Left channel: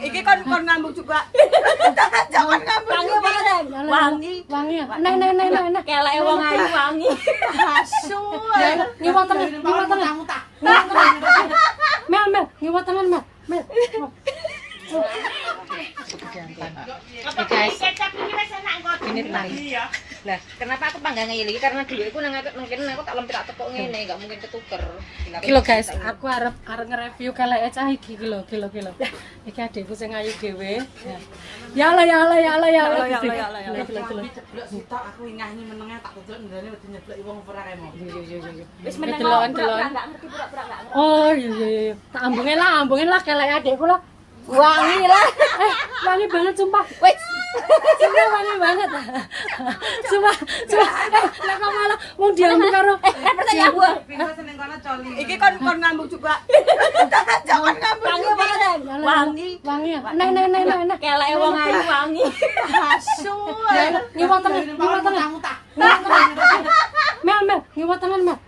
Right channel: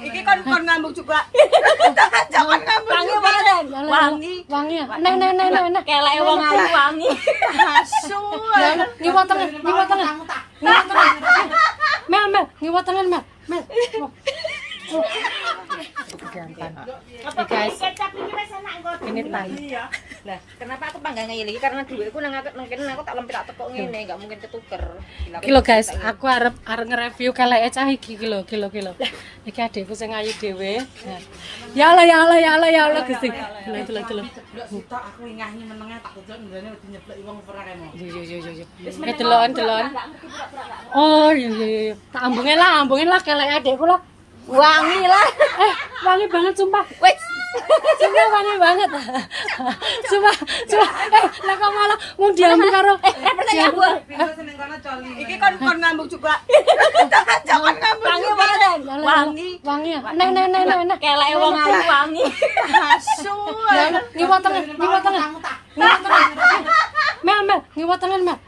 Iki kan kon ngambung juga. Jangan ngambung. Wangi. Wangi ya. Nah. Kelek wong ayu wangi. Asu. Ngiwat tangan. Mel, ngiwat tangan, Mel. Gampang. Oke guys, ini tai. Nah, kenapa aku panggang ngene iki? Karena duitku nang kene aku tak lempit tak tepuk ngene, enggak mungkin ketuker. Kilo guys, aku arep nge-review keleke cah iki kilo. Iki adekku sing ayu dhewe. Ya Allah Gusti. Delok. Aku nyanyi menenge tak tutuk ngrene wedi nyebleki wong ora kene. Yo. Wis delon. Oh, iya. Tak ambungin lah keleke adekku lah. Wangi lah. Wangi banget sumpah. Wih. Sumpah wangi banget. Sumpah. Lah kok malah mau diambil karo Pertanyaan gua. Iki kan kon ngambung juga. Jangan ngambung. Wangi. ya. Nah. Kelek wong ayu wangi. Asu. Ngiwat tangan. Mel, ngiwat tangan, Mel.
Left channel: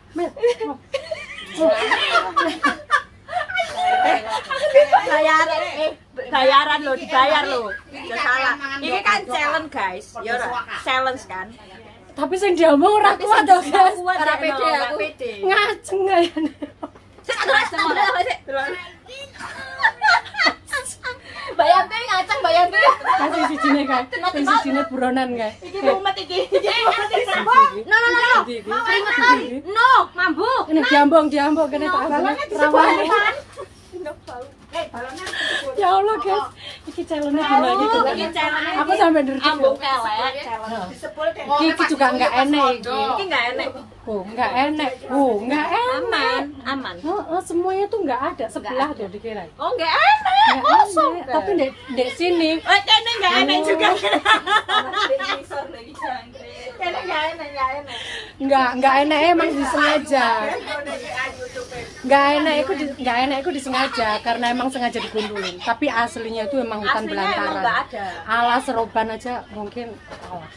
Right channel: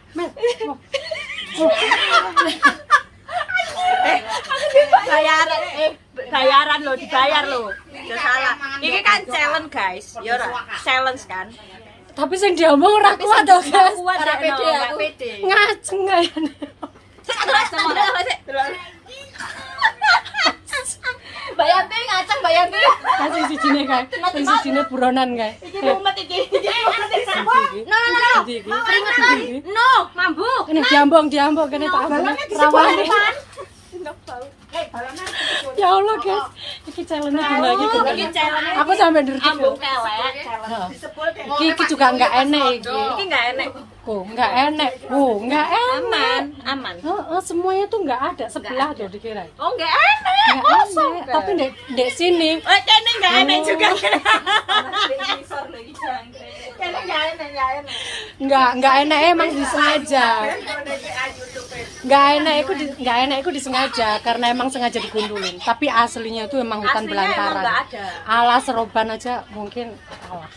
Bayaran lo, dibayar lo. Gak salah. Ini kan challenge guys. Ya ora, challenge kan. Tapi sing diomong ora kuat to, guys. Ora pede aku. Ngaceng kaya. Bayangke ngaceng bayangke. Kasih sijine kae. Ben sijine buronan kae. Iki mumet iki. No, mambu. Kene diambung kene tak ambung. Rawane. Ya Allah guys, iki challenge gimana gitu. Iki challenge. Aku sampai ngerti. Ambung kelek, challenge disebul kelek. Iki juga enggak enak iki. Iki enggak enak. Enggak enak. Enggak enak. Aman. Semuanya tuh enggak ada sebelah tuh dikira. Oh, enggak enak. Kosong. Tapi ndek sini. Oh, kene enggak enak juga. Kene enggak enak. Enggak enak emang disengaja. Enggak enak itu disengaja karena emang sengaja digundulin. Tapi aslinya itu emang hutan belantara. Enggak ada. Alas seroban aja mungkin alas.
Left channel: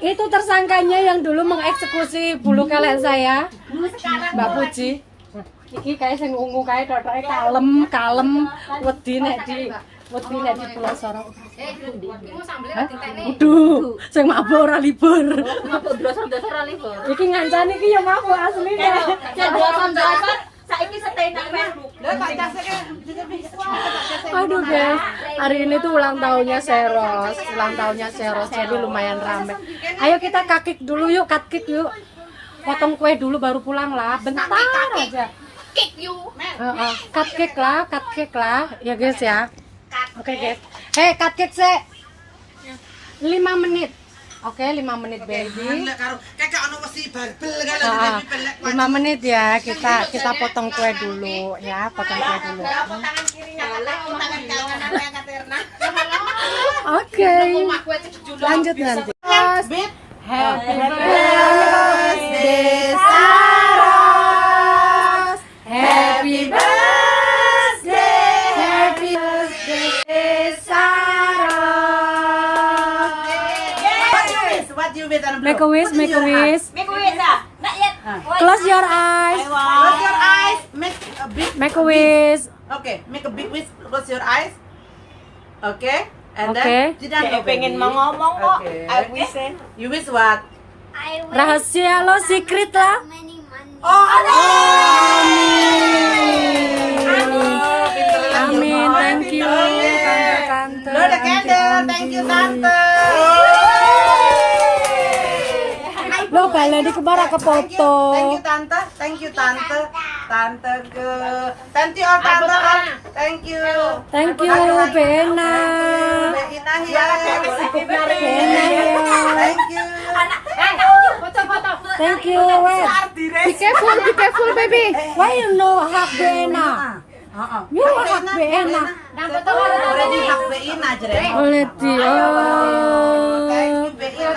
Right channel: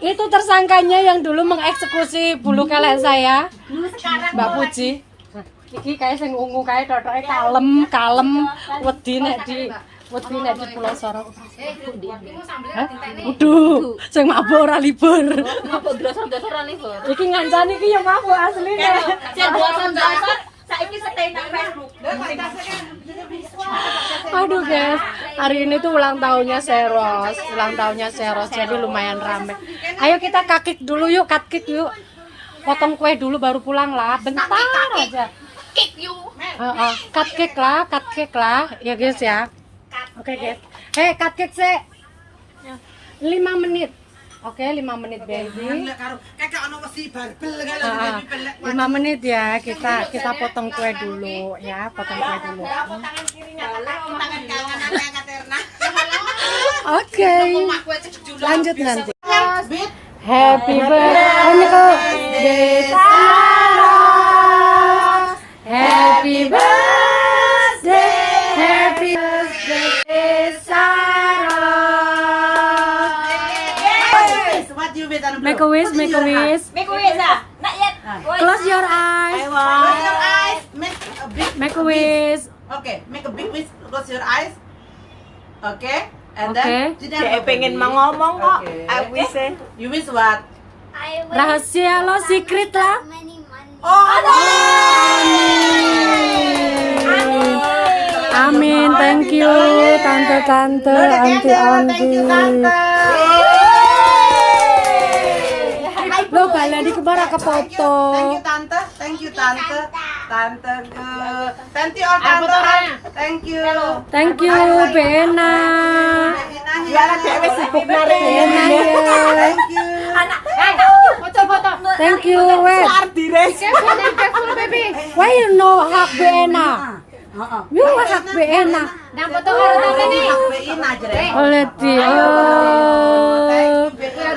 Itu tersangkanya yang dulu mengeksekusi bulu kelek saya, Mbak Puji. Iki kayak sing ungu kayak totoke kalem, wedi nek di Pulau Sorong. Waduh, sing mabuk ora libur. Mabuk dasar-dasar ora libur. Iki ngancani iki ya mabuk asline. Dasar saiki stay nang Facebook. Aduh guys, hari ini tuh ulang tahunnya Seros, jadi lumayan rame. Ayo kita kakik dulu yuk, potong kue dulu baru pulang lah, bentar aja. Kick you. Cut cake lah, ya guys ya. Oke guys, cut cake sih, 5 menit. Oke, 5 menit baby. 5 menit ya, kita potong kue dulu ya, Oke, lanjut nanti. Happy birthday, Saros. Happy birthday, Saros. Make a wish. Make a wish ya. Not yet. Close your eyes. Make a wish. Okay, make a big wish. Close your eyes. Okay. And Okay. then Dia pengen mau ngomong kok. Okay. I wish. You wish what? I wish Rahasia lo, secret lah. many money. Amin. Thank you, tante, auntie. Lo balen iki ora kepoto. Thank you tante. Tante ke Tanti or tante. Thank you. Thank you, Bena. Bena ya. Thank you. Thank you, wait. Be careful baby. Why you know hak Bena? You hak Bena. Oleti. Oh.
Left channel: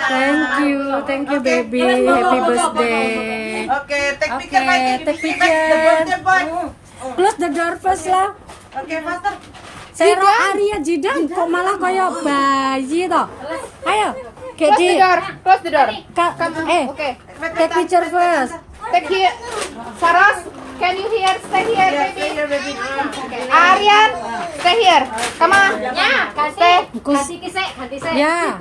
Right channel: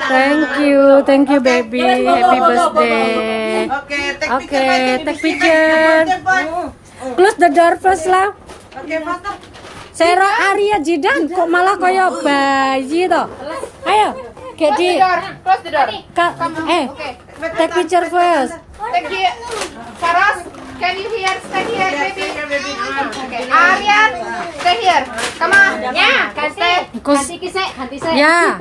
Thank you baby. Happy birthday. Okay, take picture. Close the door first lah. Okay, faster. Sero Arya Jidan kok malah kaya bayi toh. Ayo, Kedi. Close the door. Take picture first. Take here. Saras, can you hear? Aryan, stay here, baby. Aryan, stay here. Come on. Ya, kasih. Kasih kisah, ganti saya. Ya,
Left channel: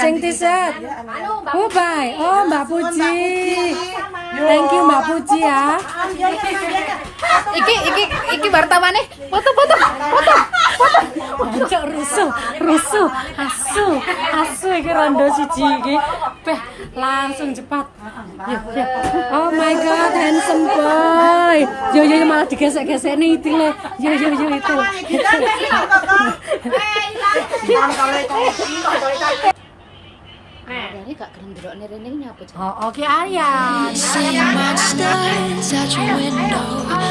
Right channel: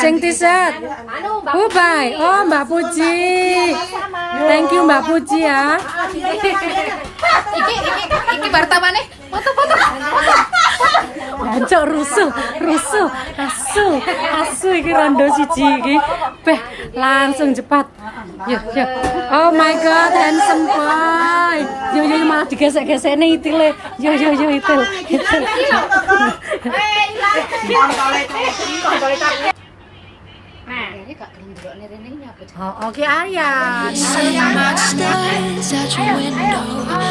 ceng t-shirt. Oh, bye. Oh, Mbak Puji. Thank you Mbak Puji ya. Iki bartamane. Foto. Jancuk rusuh, asu iki rondo siji iki. Beh, langsung cepat. Yuk. Oh my god, handsome boy. Yo malah digesek-gesek nih itile. Yo itil. Ini gak gelem rene nyapa. Oh, oke Aryan. See monsters out your window.